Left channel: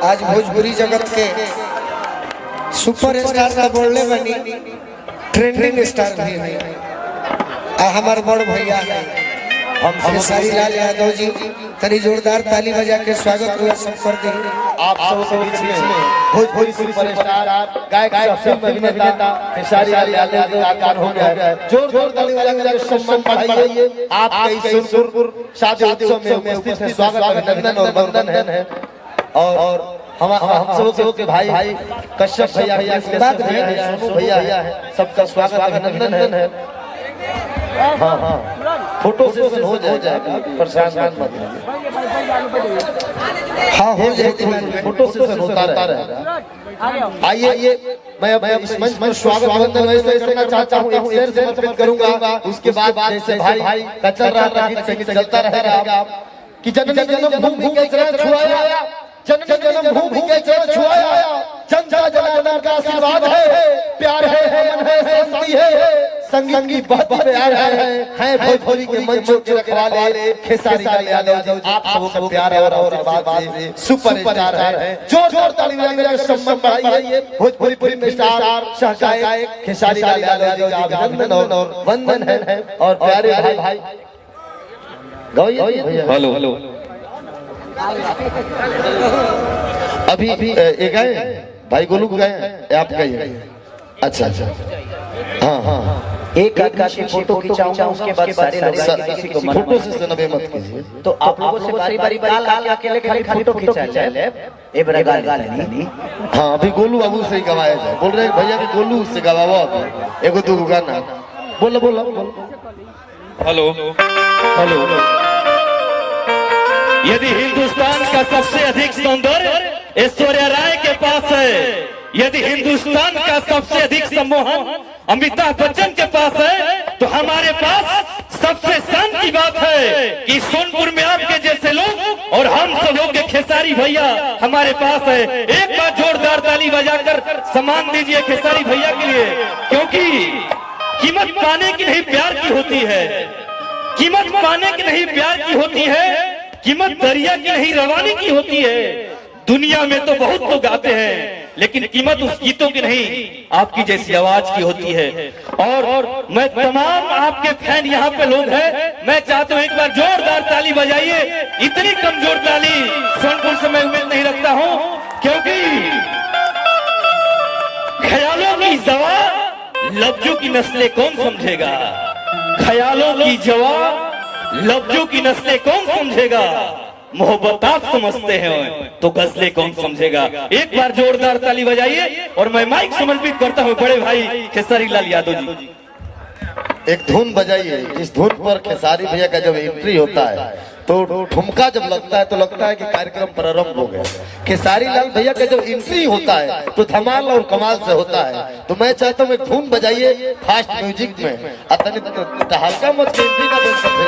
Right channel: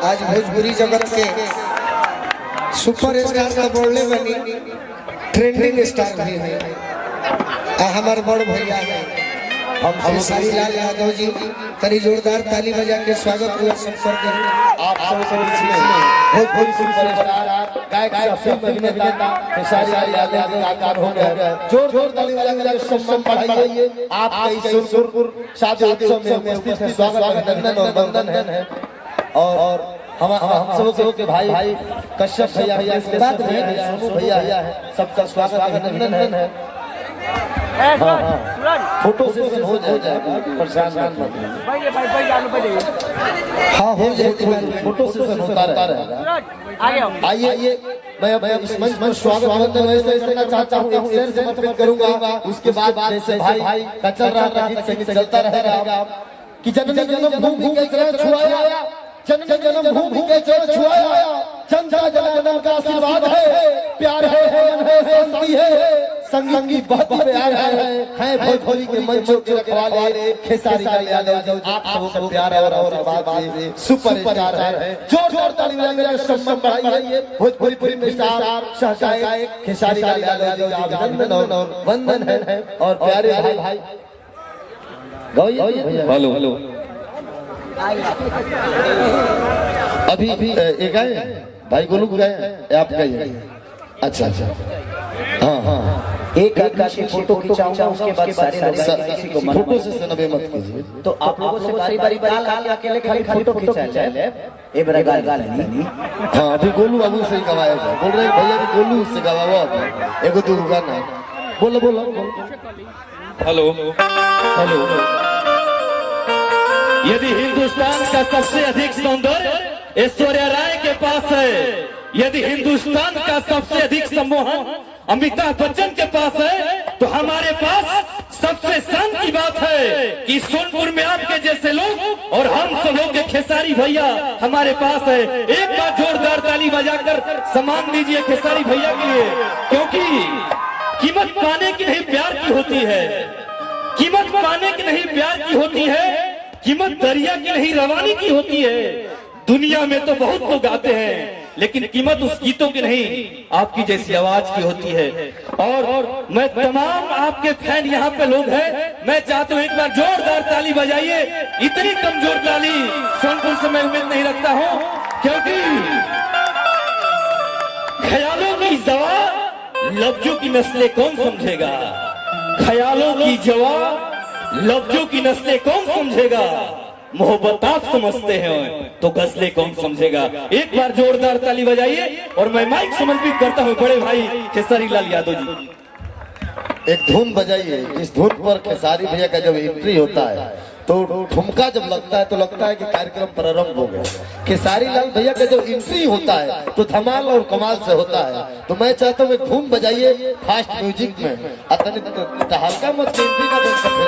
आज भोजपुरी जगत के सुपर स्टार का बोलने बनी ट्रेंडिंग स्टार भी है। हमारे बड़ भैया है हम खेसारी लाल यादव जी, तरी जोरदार ताली बजा के स्वागत हुआ सब कर दे। आप सब बीच में भोजपुरी सुपरस्टार गायक अभिनेता खेसारी लाल यादव जी आकार हो गया। जोर ताली बजा के सम्मान बढ़ाइए। आपके इस सुरपुर शादी उत्सव में उपस्थित है, स्वागत अभिनंदन और वंदन है। और हम सब के भाई कश्यप भैया इसके बाद सोनू भैया है, सबका स्वागत अभिनंदन है। हाँ फोटो सेशन हो जाएगा, परेशान मत होइए। हाँ हो जाएगा, फोटो सेशन होता रहेगा। आइए मैं इस मंच पर स्वागत अभिनंदन करना चाहता हूँ। एक शेर से समर्पित करूंगा, उसके बाद जैसे भाई का चल रहा था गीत संगीत चलता रहेगा कि जननी जन्मभूमि के चरण छुआया, जननी जन्मभूमि के चरण छुआया, जनता जनार्दन का आशीर्वाद है, प्यार है मन है शांति है, संगीत की बहुत प्यार है भोजपुरी के मंचों के रखवाले खेसारी लाल यादव। आप सबों का प्यार और आशीर्वाद से सुपर स्टार है। जोर ताली बजाइए, सम्मान बढ़ाइए। भोजपुरी में स्टार सहगायक खेसारी लाल यादव जी का अभिनंदन और वंदन है। और प्यारे भाई हेलो हेलो अभी एक गए भाई गोलू गए, आप गए? अच्छा हाँ एक आदमी फोटो खिंचाऊंगा, उसके बाद सारे लोग किसी को फोटो से नबे मत कीजिए। तो आप लोगों से बारी बारी काल अकेले खाली फोटो खिंचा जाए। ए बड़ा गाल नहीं। हाँ अभी गोलू बाबू से गवाया जाए, बोल रहे भैया कि गोलू से गवावा एगो दो गाना बोलो बोलो। Hello hello. यदि हिंदुस्तान का सबसे अधिक सौंदर्य ऐश्वर्या राय के पास है, यदि हिंदुस्तान का सबसे अधिक सम्मोहन अमिताभ बच्चन के पास है, तो हमारे पास सबसे शान की बात है कि सोनपुर में आपके जैसे लोग और हम सब लोग के खेसारी भैया हमारे पास है। एक बार जोरदार ताली बजाकर सम्मान दीजिए खेसारी भैया के लिए, क्योंकि कीमत पाने की नहीं प्यार की होती है, कीमत पाने की नहीं प्यार की होती है, कीमत दरिया की नहीं रवानी की होती है। दुनिया में तो बहुत लोग गाते हैं, लेकिन कीमत उस गीतों की नहीं आपकी जैसी आवाज की होती है। और मैं तमाम आपके फैन यहाँ पे लोग हैं, मैं चाहता हूँ एक बार जोरदार ताली बजाइए। इतनी कमजोर ताली सोनपुर से मैं उम्मीद नहीं रखता हूँ, क्योंकि ख्यालों की दवा लफ्जों की नस्लें कौन समझेगा, ख्यालों की जवा लफ्जों की नस्लें कौन समझेगा, मोहब्बत आप समझते हैं तो गजलें कौन समझेगा। एक बार जोरदार ताली बजाइए और मैं माइक समर्पित करता हूँ बड़े भाई खेसारी लाल यादव जी। एक धुन बजाइए, इस धुन पर खेसारी भैया का जब एंट्री होता है तो ठुमका जब लगता है तो लगता है कि कार्यक्रम प्रारंभ हो गया। खेसारी लाल भैया का जब एंट्री होता है तो धमाल और कमाल से होता है। तो मैं चाहता हूँ एक धुन बजाइए फास्ट म्यूजिक में, हल्का मत एंट्री का बोल सकते।